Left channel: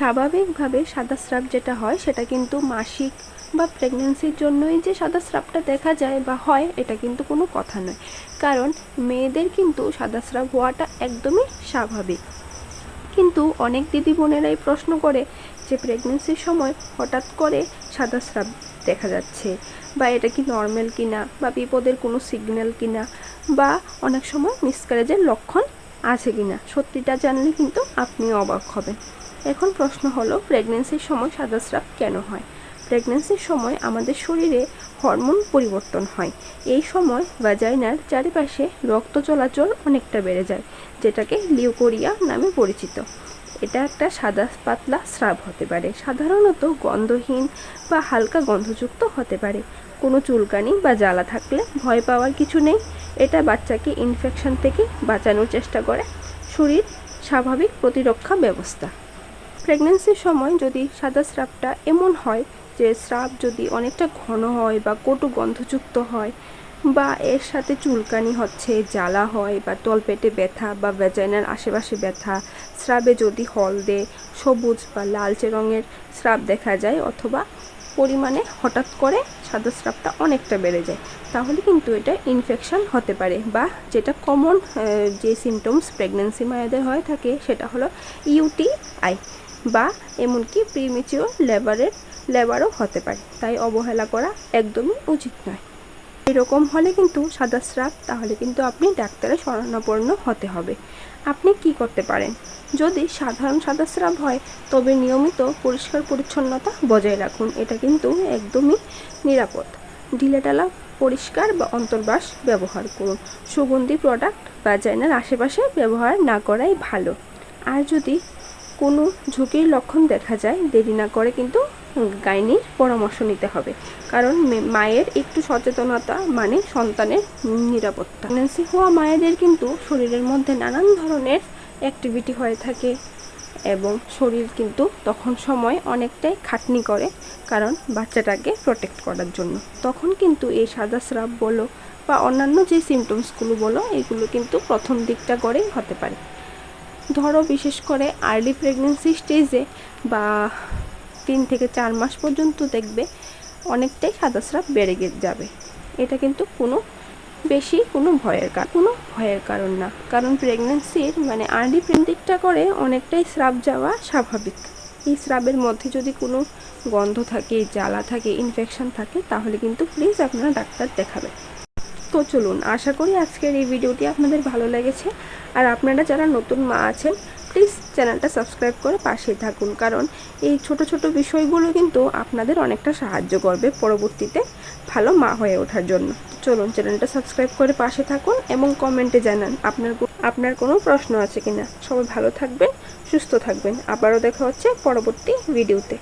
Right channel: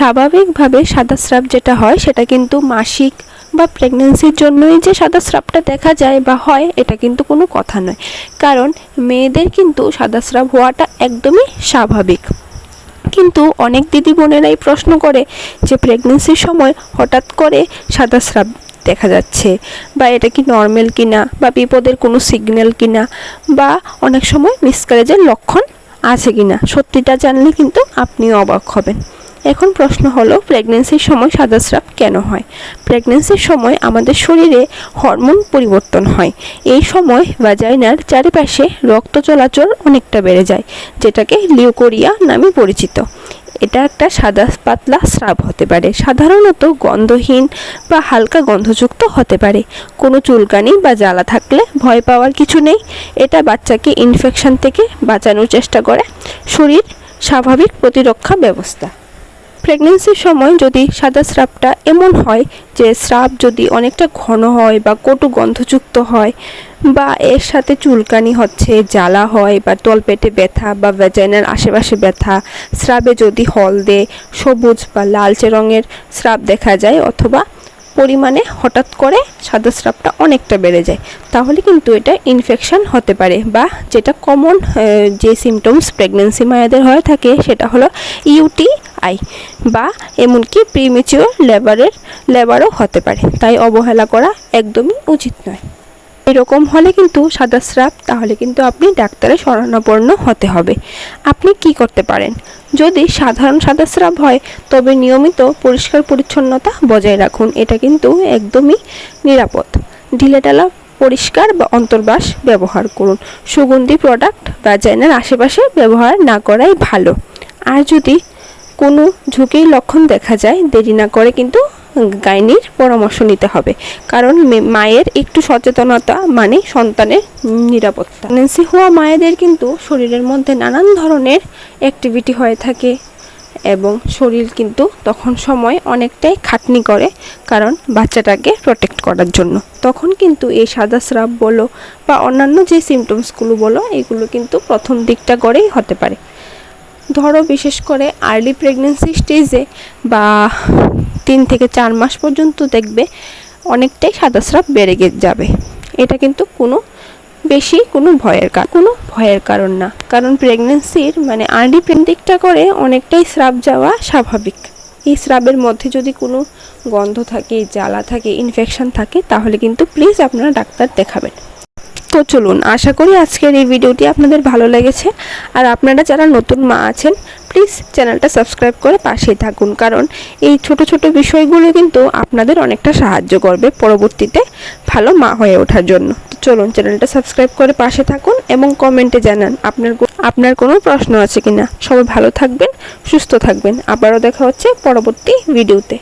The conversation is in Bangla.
স্বাভাবিকভাবে সাদা স্রাব যেটা হয়, সেটা কিন্তু মাসিক বা প্রেগনেন্সির জন্যই যে সাদা স্রাবটা দেখা যায় বা হয়, এটা কিন্তু কোনো কথা নয়। কারণ মেয়েদের কিন্তু সাদা স্রাব হওয়াটা একদমই স্বাভাবিক। কিন্তু অনেক দিদি বোনেরাই প্রশ্ন করে যে প্রেগনেন্সির সময় হঠাৎ করে সাদা স্রাব দেখা যাচ্ছে বা এটা কি নর্মাল কিনা বা বিপদের কোনো সিগন্যাল কিনা বা অনেক সময় মিসকারেজের লক্ষণ আছে কিনা, সত্যিটা জানলে কিন্তু আপনিও অবাক হবেন। এখন প্রশ্ন হলো প্রেগনেন্সির সময় সাদা স্রাব কেন হয়? প্রেগনেন্সির সময় আমাদের শরীরে হরমোন পরিবর্তন হয়। এই সময় ভাজাইনার চারিপাশে রক্ত চলাচল অনেকটা বেড়ে যায়, যেটাকে লিউকোরিয়া নামে পরিচিত। এটা একটা সাদা পাতলা স্রাব হতে পারে। সাধারণত গন্ধহীন বা হালকা গন্ধযুক্ত হতে পারে। কোনো চুলকানি বা জ্বালা থাকলে ভয় পাওয়ার কিছু নেই। এটা বাচ্চাকে ইনফেকশন থেকে বাঁচানোর চেষ্টা করে। শরীর স্বাভাবিক প্রতিরক্ষা ব্যবস্থা। প্রেগনেন্সির সময় যদি সাদা স্রাবটা এমন হয় যে স্রাব যদি অনেকটা ঘন হয় বা কটু গন্ধযুক্ত হয় বা এর সাথে চুলকানি হচ্ছে, জ্বালা হয় বা তলপেটে ব্যথা বা ভ্যাজাইনার আশেপাশে ব্যথা, স্রাবে যদি হলদে, সবুজ বা লালচে রঙের স্রাব দেখা যায় অথবা পরিমাণে হঠাৎ করে সাদা স্রাবটা অনেকটা বেড়ে যায়। তাহলে কিন্তু এটা ইনফেকশান হতে পারে বা যেটা কমন যে সিমটমস প্রেগনেন্সি মায়েদের হয়ে থাকে সেটা হলো ইউটিআই বা এমনকি প্রিমেচিওর লেবারের লেবারও হতে পারে। তাই অবহেলা করা একদমই উচিত নয়। এরকম হলে কিন্তু সাদা স্রাব তাহলে কিন্তু আপনি ডাক্তারের শরণাপন্ন হতে হবে। আপনি কি করতে পারেন? যদি সাধারণ সাদা স্রাব হয়, তবে নিয়মিত পরিষ্কার পরিচ্ছন্নতা বজায় রাখুন। এটা কিন্তু একদমই নিরাপদ। ঢিলেঢালা পরিষ্কার বা অন্তর্বাস ব্যবহার করুন। সুগন্ধি প্রোডাক্ট বা জেনার আশেপাশে ব্যবহার না করাই ভালো। আর যদি কোনো ঝুঁকির লক্ষণ দেখা যায়, দেরি না করে কিন্তু গাইনির পরামর্শ নিতে হবে। কারণ মায়ের একটু সচেতনতা মানে সন্তানের নিরাপত্তা। প্রেগনেন্সি হওয়া মায়েদের কিন্তু শরীরের মধ্যে নানান ধরনের অ্যাক্টিভিটি হয়ে থাকে এবং শরীর কিন্তু তখন সময় অনেকটাই খাটনি করে কারণ বাচ্চাটাকে প্রোটেক্ট করার জন্য। তখন কিন্তু এই সাদা স্রাব বলো বা অন্যান্য যে সিমটমসগুলো বলো, এগুলো কিন্তু প্রথম দিকটা করেই হতে পারে। ধরো বিশেষ করে আর্লি প্রেগনেন্সি স্টেজে বা তিন থেকে চার মাস পর্যন্ত দেখবে অনেকটাই সাদা স্রাব বেড়ে যাবে। এটা কিন্তু কোনো বেশি কোনো ভয়ের কোনো ভয়ের কারণ না। কারণ প্রেগনেন্সির মানে আর্লি দিকটা করে অনেকটাই স্রাব যাওয়া স্বাভাবিক। এই স্রাবের মধ্যে যদি কোনো গন্ধ থাকে, জ্বালা থাকে ইনফেকশন থাকে, তাহলে কিন্তু প্লিজ আপনারা ডাক্তার দেখাবেন। তো চলুন, আশা করি আজকের এই ভিডিওটি আপনাদের ভালো লেগেছে। আর আপনারা যারা নতুন মা আছেন প্লিজ চ্যানেলটা সাবস্ক্রাইব করে পাশেই থাকুন। কারণ এই ছোট ছোট বিষয়গুলো কিন্তু আপনাদের অনেকটা সাহায্য করবে পরবর্তীতে ভালো মা হয়ে ওঠার জন্য। চলুন চ্যানেলটা সাবস্ক্রাইব করে পাশে থাকুন এবং কমেন্টে জানান আপনার আপনার কোনো প্রশ্ন আছে কিনা। সবাই ভালো থাকবেন, সুস্থ থাকবেন। আবারও দেখা হচ্ছে পরবর্তী ভিডিওতে